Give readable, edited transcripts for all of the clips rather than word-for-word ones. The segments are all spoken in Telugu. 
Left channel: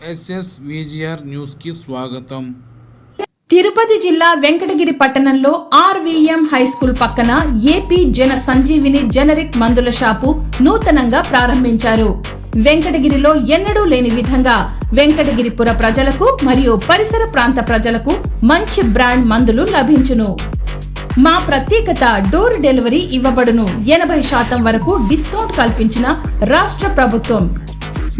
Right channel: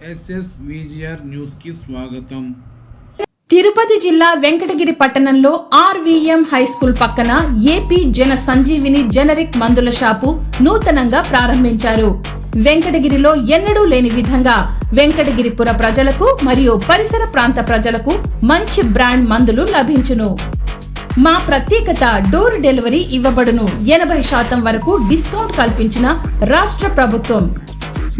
SSVGR న్యూస్ కి స్వాగతం. తిరుపతి జిల్లా వెంకటగిరి పట్టణంలో RVM హైస్కూల్ పక్కన ఏపీ జన సంజీవిని జనరిక్ మందుల షాపు నూతనంగా ప్రారంభించారు. వెంకటగిరిలో ఎన్నడూ లేని విధంగా వెంకటగిరిపుర ప్రజలకు మరియు పరిసర ప్రాంత ప్రజలకు మంచి బ్రాండ్ మందులు లభించును. మా ప్రత్యేకత డోర్ డెలివరీ ఇవ్వబడును. 80% వరకు డిస్కౌంట్ కల్పించిన రాష్ట్ర ప్రభుత్వం.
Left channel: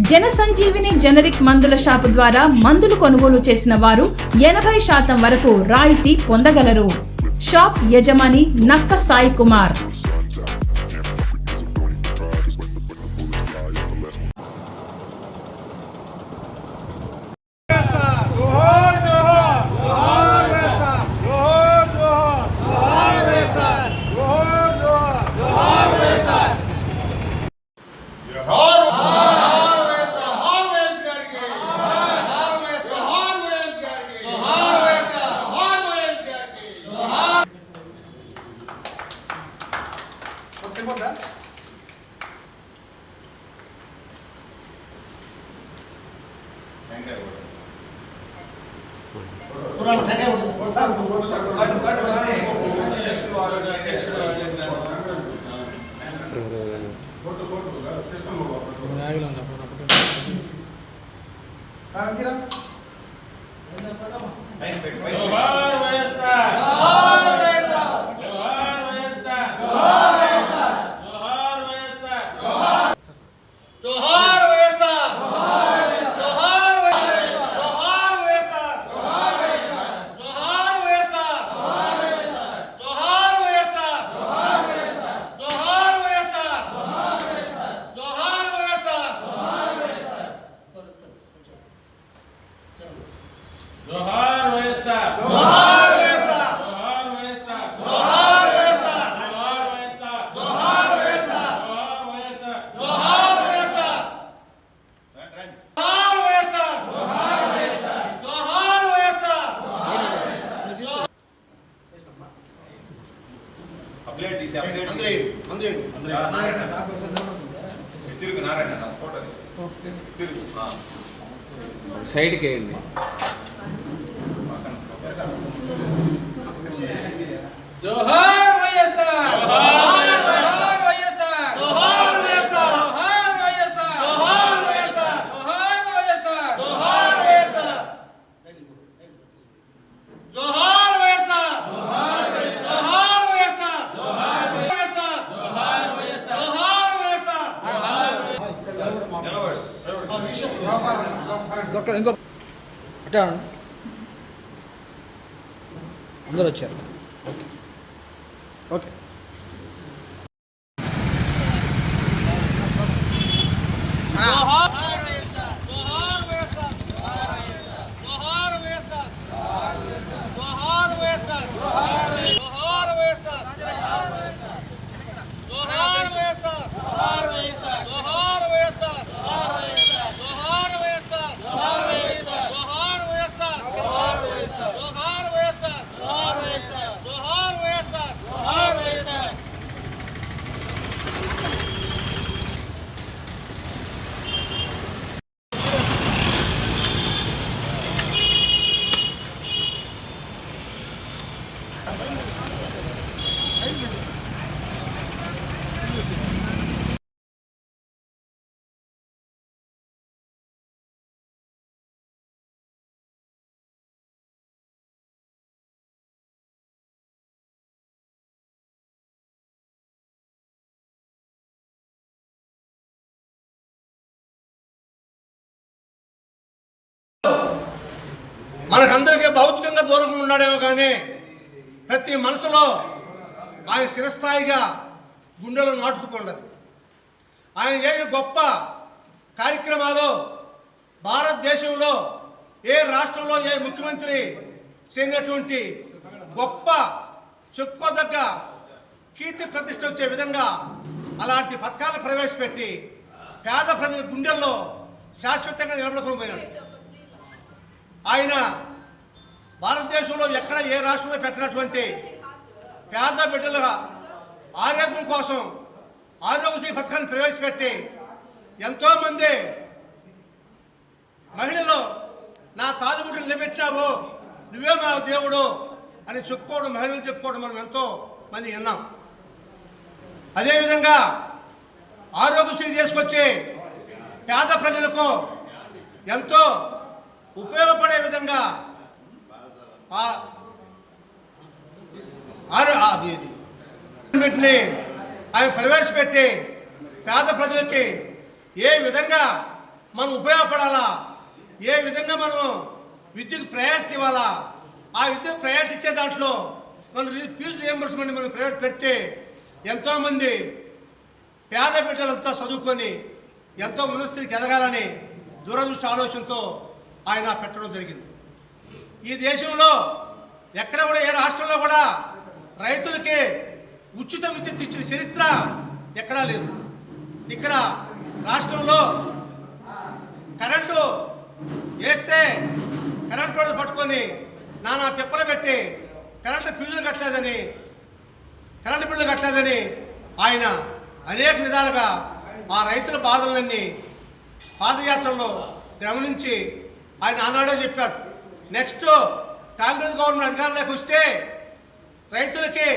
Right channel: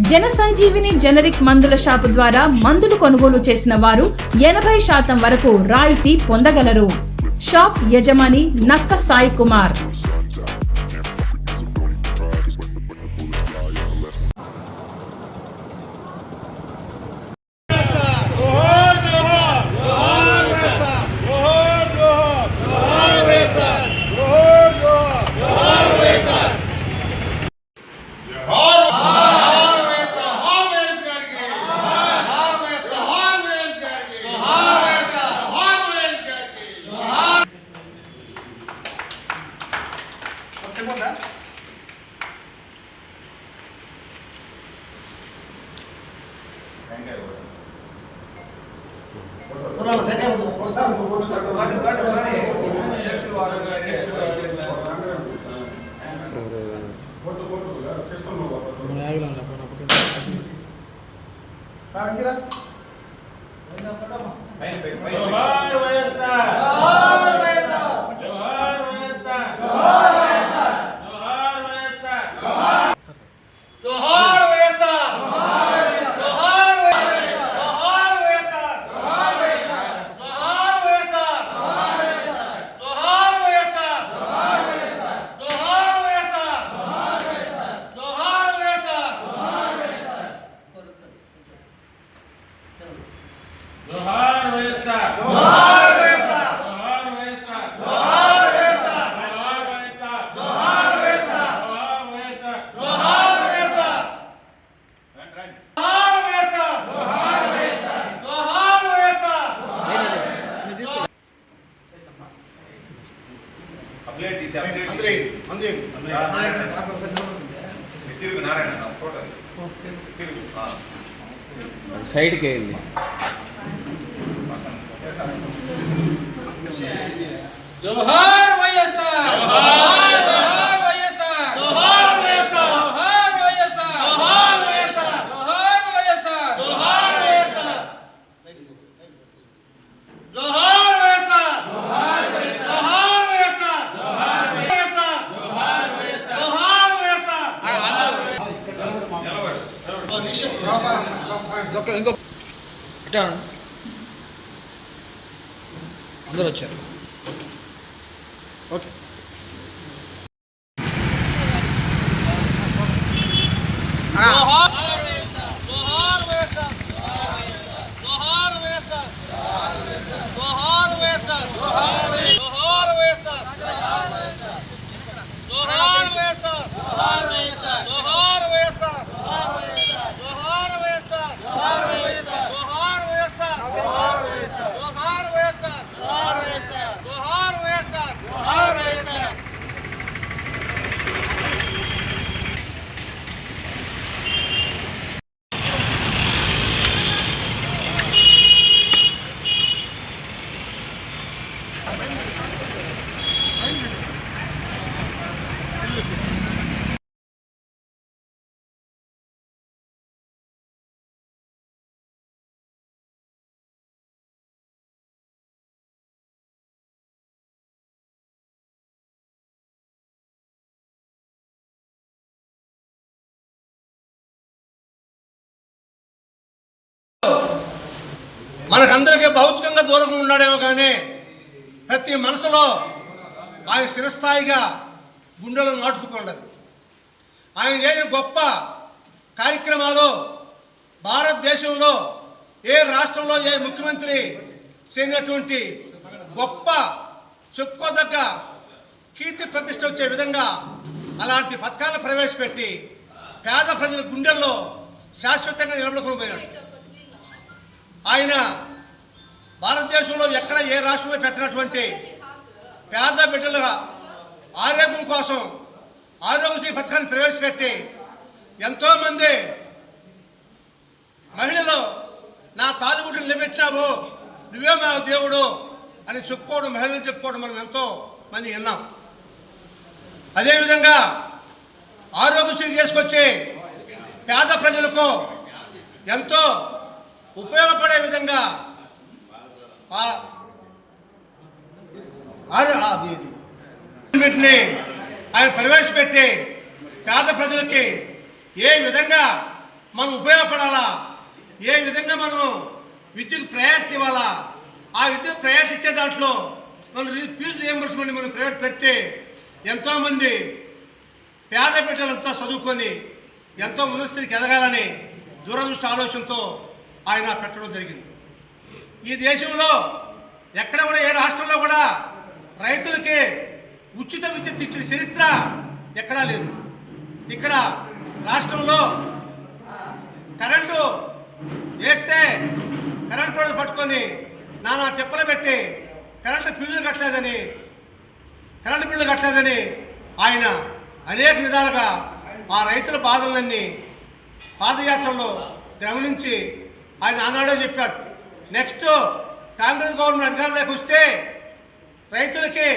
జన సంజీవిని జనరిక్ మందుల షాపు ద్వారా మందులు కొనుగోలు చేసిన వారు 80% వరకు రాయితీ పొందగలరు. షాప్ యజమాని నక్క సాయి కుమార్. సైడ్ కి జోహార్ వైఎస్ఆర్, జోహార్ వైఎస్ఆర్, జోహార్ వైఎస్ఆర్, జోహార్ వైఎస్ఆర్, జోహార్ వైఎస్ఆర్, జోహార్ వైఎస్ఆర్, జోహార్ వైఎస్ఆర్, జోహార్ వైఎస్ఆర్, జోహార్ వైఎస్ఆర్, జోహార్ వైఎస్ఆర్, జోహార్ వైఎస్ఆర్, జోహార్ వైఎస్ఆర్, జోహార్ వైఎస్ఆర్. అందరూ వచ్చారు. ఓకే జోహార్ వైఎస్ఆర్, జోహార్ వైఎస్ఆర్, జోహార్ వైఎస్ఆర్, జోహార్ వైఎస్ఆర్, జోహార్ వైఎస్ఆర్, జోహార్ వైఎస్ఆర్, జోహార్ వైఎస్ఆర్, జోహార్ వైఎస్ఆర్, జోహార్ వైఎస్ఆర్, జోహార్ వైఎస్ఆర్, జోహార్ వైఎస్ఆర్, జోహార్ వైఎస్ఆర్, జోహార్ వైఎస్ఆర్, జోహార్ వైఎస్ఆర్, జోహార్ వైఎస్ఆర్, జోహార్ వైఎస్ఆర్, జోహార్ వైఎస్ఆర్, జోహార్ వైఎస్ఆర్. మనకందరికీ భౌతికంగా దూరంగా ఉన్నాడేమో కానీ ప్రతి మనసులో ఆయన చిరస్థాయిగా గుండెలో నాటుకుపోండదు. ఆయన చేసిన గొప్ప కార్యక్రమాలు భారతదేశంలో ఏ రాష్ట్రంలో ఏ ముఖ్యమంత్రి చేయనటువంటి గొప్ప చెప్పుకోదగ్గ కీర్తి ప్రతిష్ట వచ్చే విధంగా అలాంటి పథకాలను ప్రవేశపెట్టి పేద ప్రజల గుండెల్లో శాశ్వతంగా నిలబడుకుని పోయినాడు. ఆయన భారతదేశంలో ఎక్కడ ఏ రాష్ట్రంలో పెట్టినటువంటి పేద బిడ్డల ఆరోగ్యం కోసం ఆరోగ్యశ్రీ పథకాన్ని ప్రవేశపెట్టి ఎంతోమంది మహిళలు పెట్టావు, నువ్వే మా దేవుడు అని చెప్పుకోవడం, మహిళలు చెప్పుకోవడం మనం ఎంతో మంది విన్నాం. అదేవిధంగా ఆరోగ్యశ్రీ తీసుకొచ్చి పేద ప్రజలకు ఎంతో ఉపయోగపడే విధంగా ఆయన ప్రవేశపెట్టి పేద ప్రజలకి ఏ విధంగా మనం ఉపయోగపడాలా, ఏ విధంగా మనం విద్యుత్ ప్రయారిటీ ఇవ్వాలా, ఆ విద్యుత్ ప్రయారిటీ ఇచ్చే దాంట్లో మనం ఫీజు రియంబర్స్మెంట్ మనం ప్రైవేట్ పెడితే ఎంతోమంది పేద బిడ్డలంతా చదువుకొని ఎంతో ఉన్నత స్థితికి ఎదగాలని దూరదృష్టి ఆలోచనతో ఆయన పెట్టడం జరిగింది. ఈ దేశంలో ఎక్కడ కూడా, ఏ రాష్ట్రంలో కూడా రైతులకి ఉచిత విద్యుత్ ఇచ్చిన చరిత్ర ఎక్కడా లేదు. ఇక్కడ రాష్ట్రంలో కరెంటు వేస్తే కరెంటు వాళ్ళు పట్టుకొని నానా తిప్పలు పెట్టి కరెంటు బిల్లులు కట్టలేదని ఆయన అనేక విధాలుగా ఆ రైతుల బాధలన్నీ పాదయాత్రలో గమనించి ఆయన ఆనాడే చెప్పాడు, నెక్స్ట్ కాంగ్రెస్ గవర్నమెంట్ అధికారంలోకి వస్తే రైతులకి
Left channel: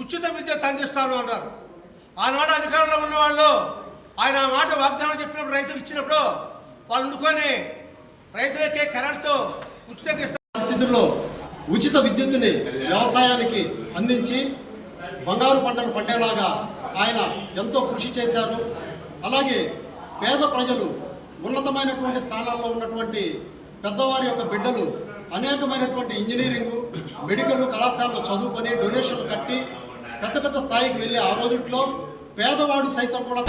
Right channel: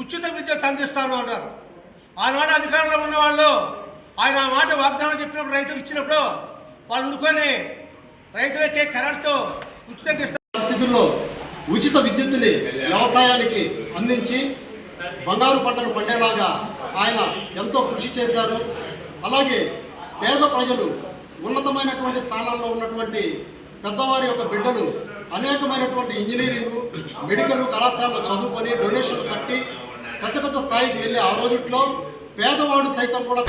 ఉచిత విద్యుత్ అందిస్తాను అన్నారు. ఆనాడు అధికారంలో ఉన్నవాళ్ళు ఆయన ఆ మాట వాగ్దానం చెప్పినప్పుడు, రైతులు ఇచ్చినప్పుడు వాళ్ళు ఉండుకొని రైతులకి కరెంటు ఉచితంగా ఇస్తారు. పరిస్థితుల్లో ఉచిత విద్యుత్తుని వ్యవసాయానికి అందించి బంగారు పంటలు పండేలాగా ఆయన ఎంతో కృషి చేశారు. అలాగే పేద ప్రజలు, ఉన్నతమైనటువంటి స్థానాల్లో ఉన్నటువంటి పెద్దవారి యొక్క బిడ్డలు అనేకమైనటువంటి ఇంజనీరింగ్, మెడికల్ కళాశాలలో చదువుకొని డొనేషన్లు కట్టి పెద్ద పెద్ద స్థాయికి వెళ్ళి ఆ రోజుల్లో పేదవాడు సైతం కూడా